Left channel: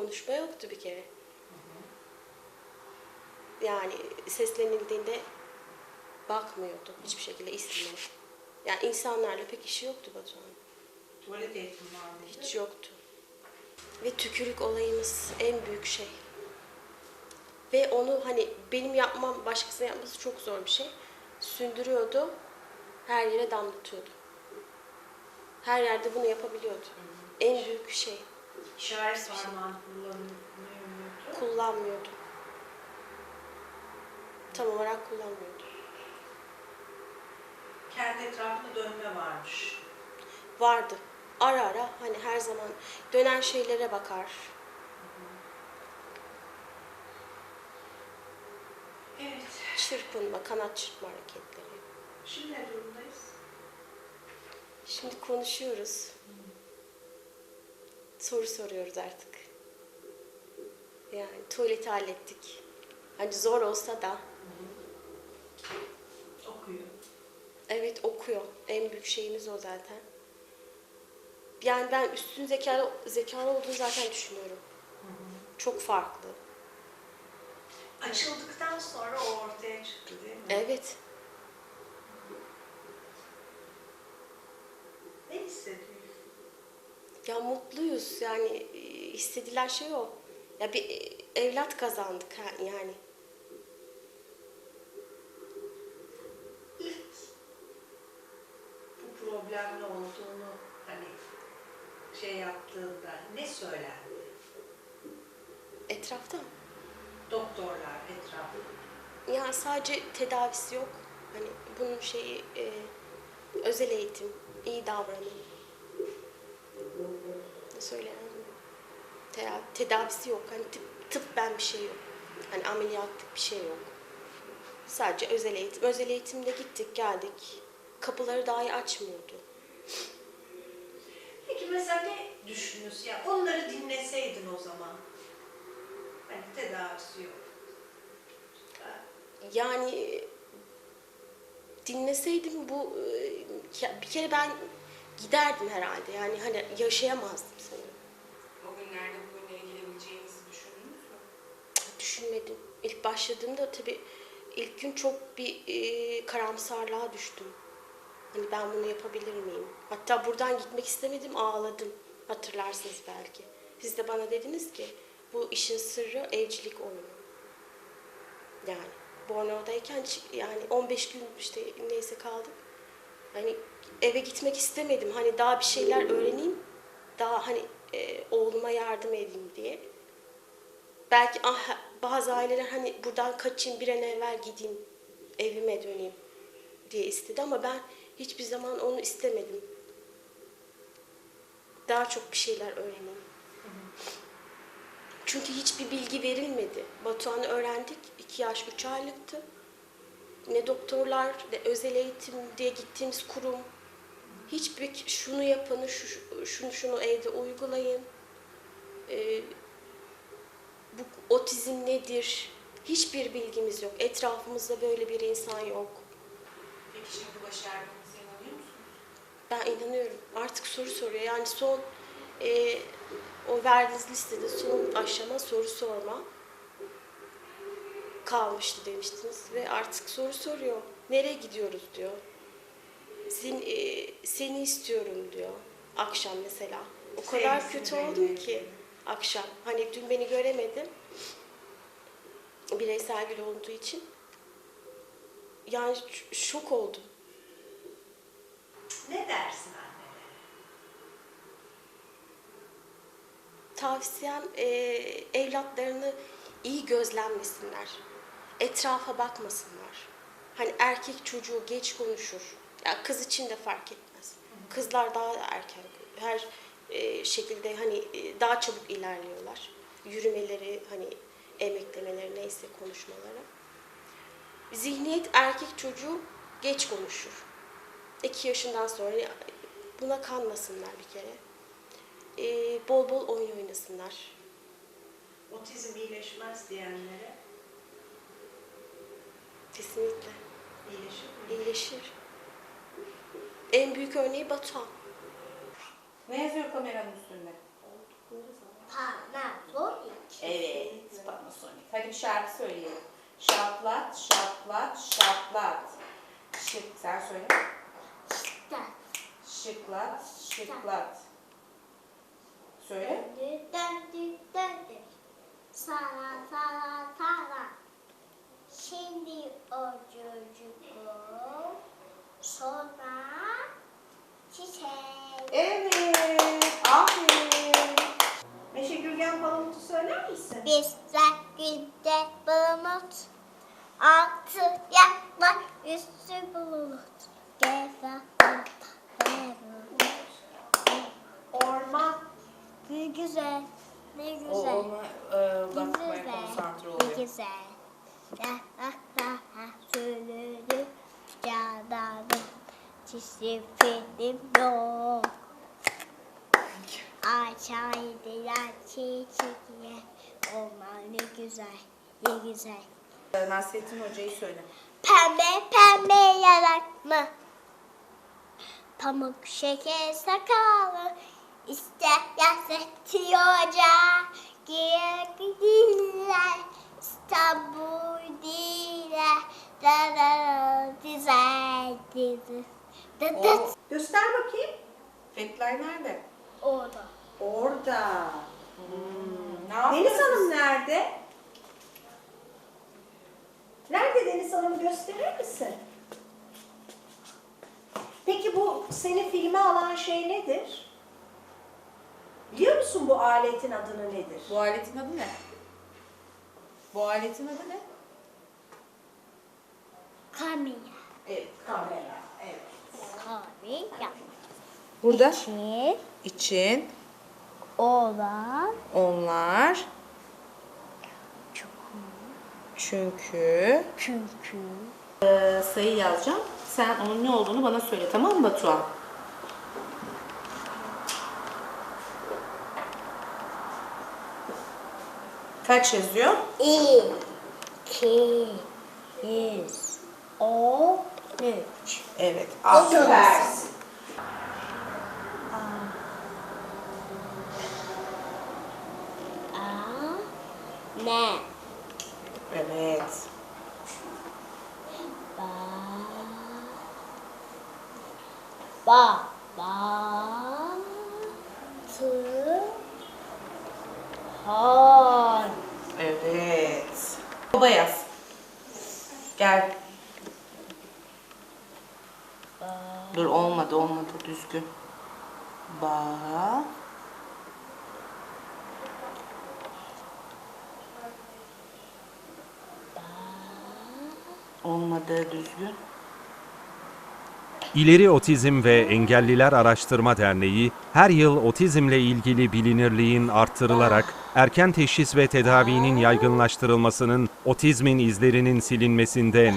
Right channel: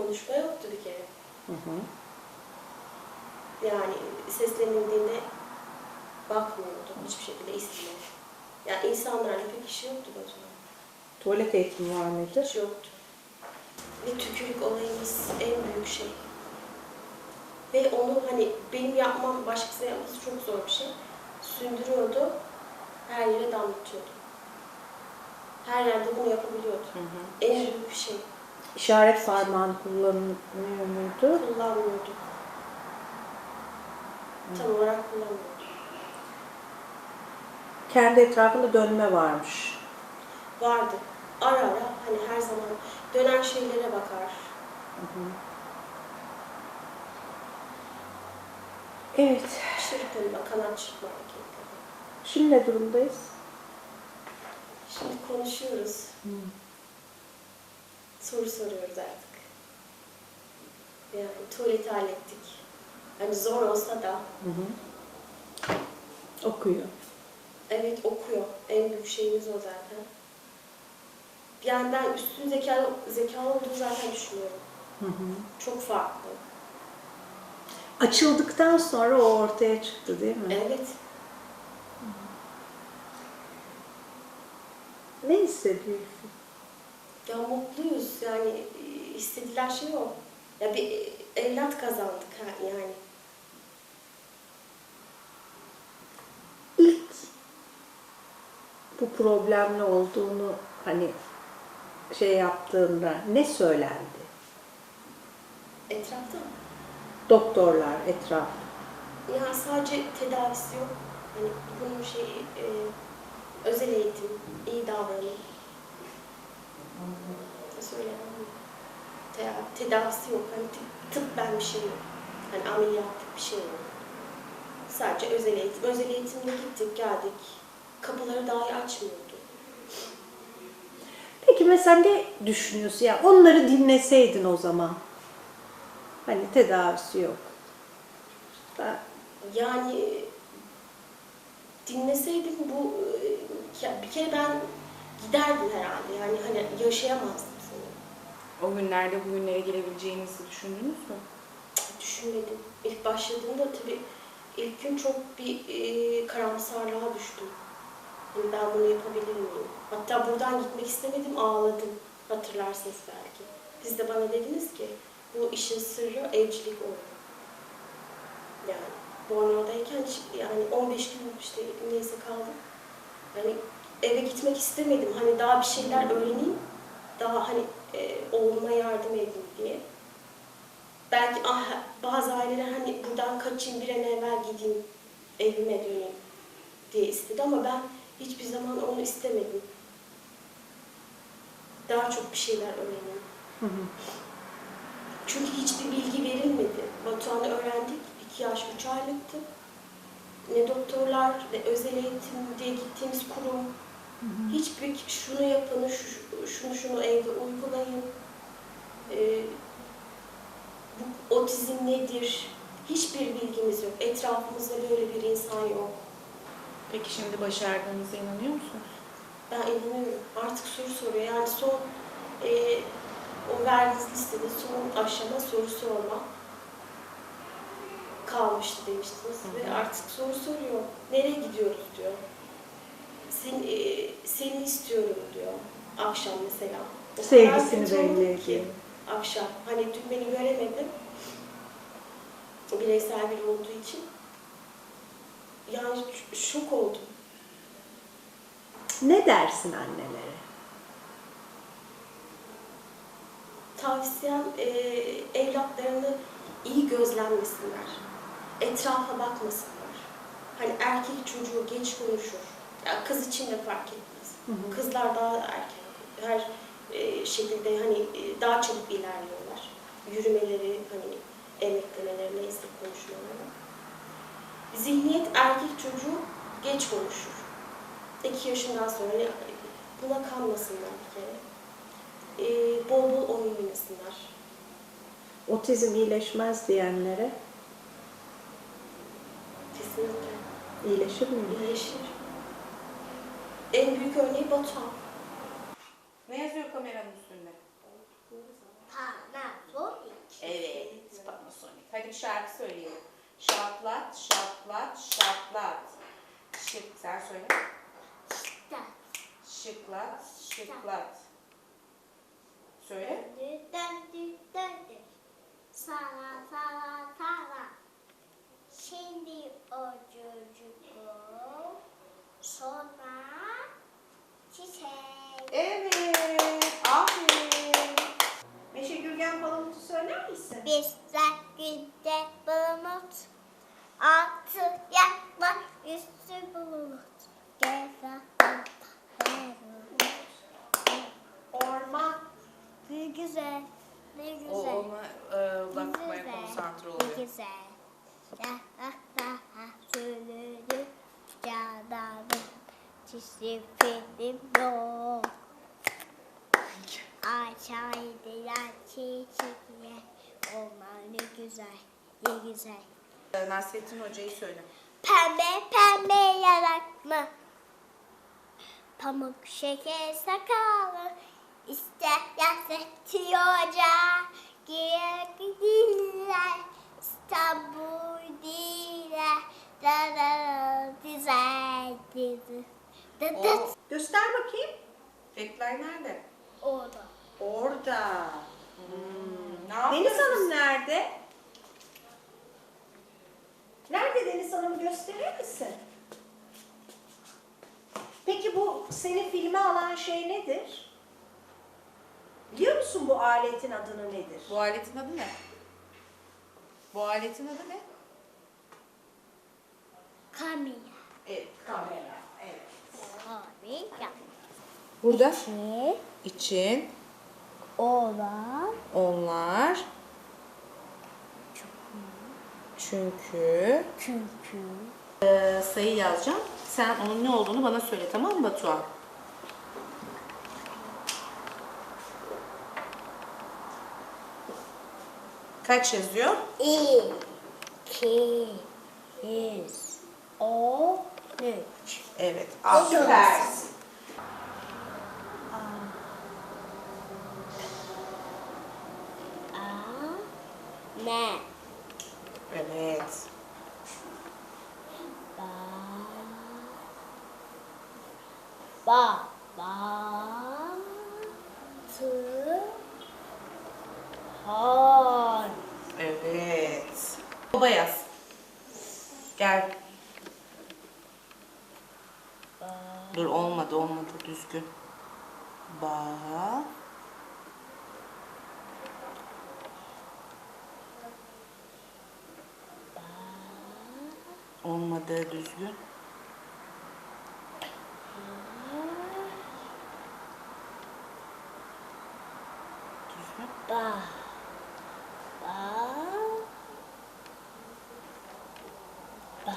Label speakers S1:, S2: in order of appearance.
S1: konuşma yoktu bir kere.
S2: Hı hı.
S1: Yani seslenildiğinde bakmıyordu. Hiçbir şekilde istemiyordu. Yani insanlarla pek işi yoktu Batuhan.
S2: Tuvalet eğitimi var mıydı?
S1: Hiç yoktu. Ve tükürük olayımız en büyük şey. Ve onu hani benim yapmam, başkasına yapması çok zor bir şey. Sündürüyordu, her yere damlatıyordu. Her yerde bunu yapabiliyordu.
S2: Hı hı.
S1: En büyük şey.
S2: İşaret parmağını kullanılıyor muydu?
S1: Kullanmıyordu. Tam olarak kullanmıyordu.
S2: Kendi etrafında dönme varmış.
S1: Vardı. Ara ara hani her zaman dönen şeylere bakar.
S2: Hı hı. Evet.
S1: Çırpınma, kanat çırpma hareketleri.
S2: Şimdi ne durumdayız?
S1: Şimdi konuşuyoruz. Soru soruyoruz artık. Yani tuvaleti hallettik. Hani zor olsa da
S2: Hı hı. Okuyor.
S1: evet okuyor. En büyük şeyimiz o zaten. Yani ben üstün zekalı, zekalı olduğunu zaten düşünüyorum.
S2: Hı hı.
S1: Çok farklı.
S2: Açıldıktan sonra o ortaya çıktı değil mi?
S1: Evet.
S2: Ne hissediyorsun?
S1: Ya mutluyuz yani e, istediler şey o. Ya bir e, evlat kazandık ha- yani.
S2: İlk bu problemli olduğunu hani şey yaptığında ne söylendi?
S1: Etrafta
S2: Doktorlar, etraf.
S1: ya sadece tedavisi yok. Hani bunun şeyi e, özel eğitim, iyi davranın. Söyle. Te- tedavisi yok. Hani tıp, tıbben bir şey yok. Hani ameliyatlık bir şey yok. Sadece özel eğitim. Özel eğitimde gittik, geldik. Kapıları dahi açmıyordu.
S2: Peki mesela ne düşünüyorsun? Ya onları dinleseydin o zaman. Hani tedavisi yok. Ben-
S1: Yani dinleseydim bu e, bir kere ben giderdim herhalde. Yani hani yaşayamazdım.
S3: O günlerde bugünlere gelebileceğinizi düşündünüz mü?
S1: Düşünmedim. İlk başladığımda tabii ilk gün çok bir e, karamsarlığa düştüm. Hani ben bunu yapabilir miyim? Hatta buradan gitmek istemedim, ağladım. Hatırlarsınız belki. Siz de bana dediniz ki bu işin sırrı evcilik oldu. Yani Bornova'dayken yani 15 gün işte neyse kaldım. Hani eve gitmek istemedim. Hani daha bir şeyler öğreneyim. Daha hani e, oğluma yardım edeyim diye. Belki ah, bazı aileler hani buradan kaçayım bir an evvel gideyim evime döneyim diye istedi ama ben hiçbir zaman onu istemedim. Daha çok bir şeyler.
S2: Hı hı.
S1: Çünkü hiçbir bilgi verilmedi. Batuhan'ı öğrendik. 2 yaş 3 aylıktı. Ne doktorlar, ne özel eğitim diye gittiğimiz kurum. Hiçbir şunu yapın, şu- şunu şunu evde uygulayın. Ee, bu otizm nedir? Hiçbir bilgimiz yok. Etrafımızda böyle bir insan yok.
S3: Peki şimdi başardığınıza inanıyor musunuz?
S1: Ben inanıyorum. Artık soru soruyor. Yani son e, o verdiğiniz listede son aşama soru sorma kalmıştı demiştiniz
S3: Hı
S1: ve artık soru soruyor. Nereye gidiyoruz diyor. Seni, e, seni istiyorum diyor. Akşam mesela. O kadar
S2: Sevgisini
S1: oldum
S2: belli
S1: ki
S2: ediyor.
S1: akşam. Hani dün beni göremedi. Bireysel biri olduğu için. Yani ş- şok oldum.
S2: Ne dersin annelere?
S1: tavsiyem e, evlatlarını iyi gözlemlesinler. Etrafa bakmasınlar. Hani erkek çocuğu geç konuşur. Ya kız için de fark etmez.
S2: Hı hı.
S1: Kızlar daha erken her e, şekilde hani e, daha çabuk ilerliyorlar. Yürümeleri, hani emeklemeleri neyse konuşmaları. Zihniyet erkek çocuğu geç konuşur. İki yaşından sonra buna kanmasınlar bir kere. E, bol bol oyun oynasınlar.
S2: Otizm iyileşmez diyenlere
S1: Kesinlikle.
S2: iyileşir mi?
S1: İyileşir. En büyük örneği Batuhan.
S3: Ne yazıyor kameranın üstünde?
S4: Panasonic.
S3: Evet, Panasonic. Hadi bir şarkı söyleyelim. Şaplat, şaplat, şaplat. Şık, sen söyle.
S4: İşte
S3: Şıklat, şıklat. Söyle.
S4: döndü döndü döndü. Sara sara sara. Şimdi o çocuk sonra çiçek.
S2: Evet. Aferin. Meşe Gürgen Palamut'u söyler misin?
S4: Bizler günde bulut. Altı yaklar üstü bulut. Gezer
S2: Orman.
S4: Ne güzel, ne
S3: O
S4: güzel.
S3: ona e, bakmaya
S4: güzel,
S3: konsantre
S4: ne
S3: oluyor.
S4: güzel. La la la Film yok. Açaydılar çiçeğe. Onlar ne güzel, ne güzel.
S3: Nasrettin Hoca'yı söyle.
S4: Pembe pembe yarak mı? Pamuk şeker sakalı ister Nasrettin Hoca Girer İstanbul diler Da da da dizel dizi
S3: O,
S2: Göster bakayım.
S3: Fethlay nerede?
S4: Orada
S2: Orada.
S3: Hmm, ne
S2: Deniz Hanım nerede? Nerede Deniz Hanım gösterir misin? Peki bu seni filme alan şey nedir? Biliyor musun bu aletin adını nedir?
S3: Bu aletin adı ne? Bu aletin adı ne?
S4: Kamera
S3: Evet,
S2: Kamera.
S3: Burada?
S4: Ki
S3: için.
S4: Olan.
S3: Onlar. Çünkü.
S4: Çünkü.
S3: Ee, sayı yazacağım. Sen onun ne olduğunu bana söyle tamam mı Batuhan? Kaç yazıyor?
S4: İki yüz. On üç.
S3: Evet.
S2: Süpersin.
S4: A ne
S3: Evet.
S4: ba ba ba tı han
S3: Evet. Baba yaz. Gel. Dur olmadı olmadı düzgün. Ba. Olmadı düzgün.
S5: İleri Otizm ve Engelliler Araştırma Derneği her yıl otizmle ilgili bilinirliğin arttırılarak erken teşhis ve tedavinin yaygınlaştırılmasının otizmin izlerinin silinmesinde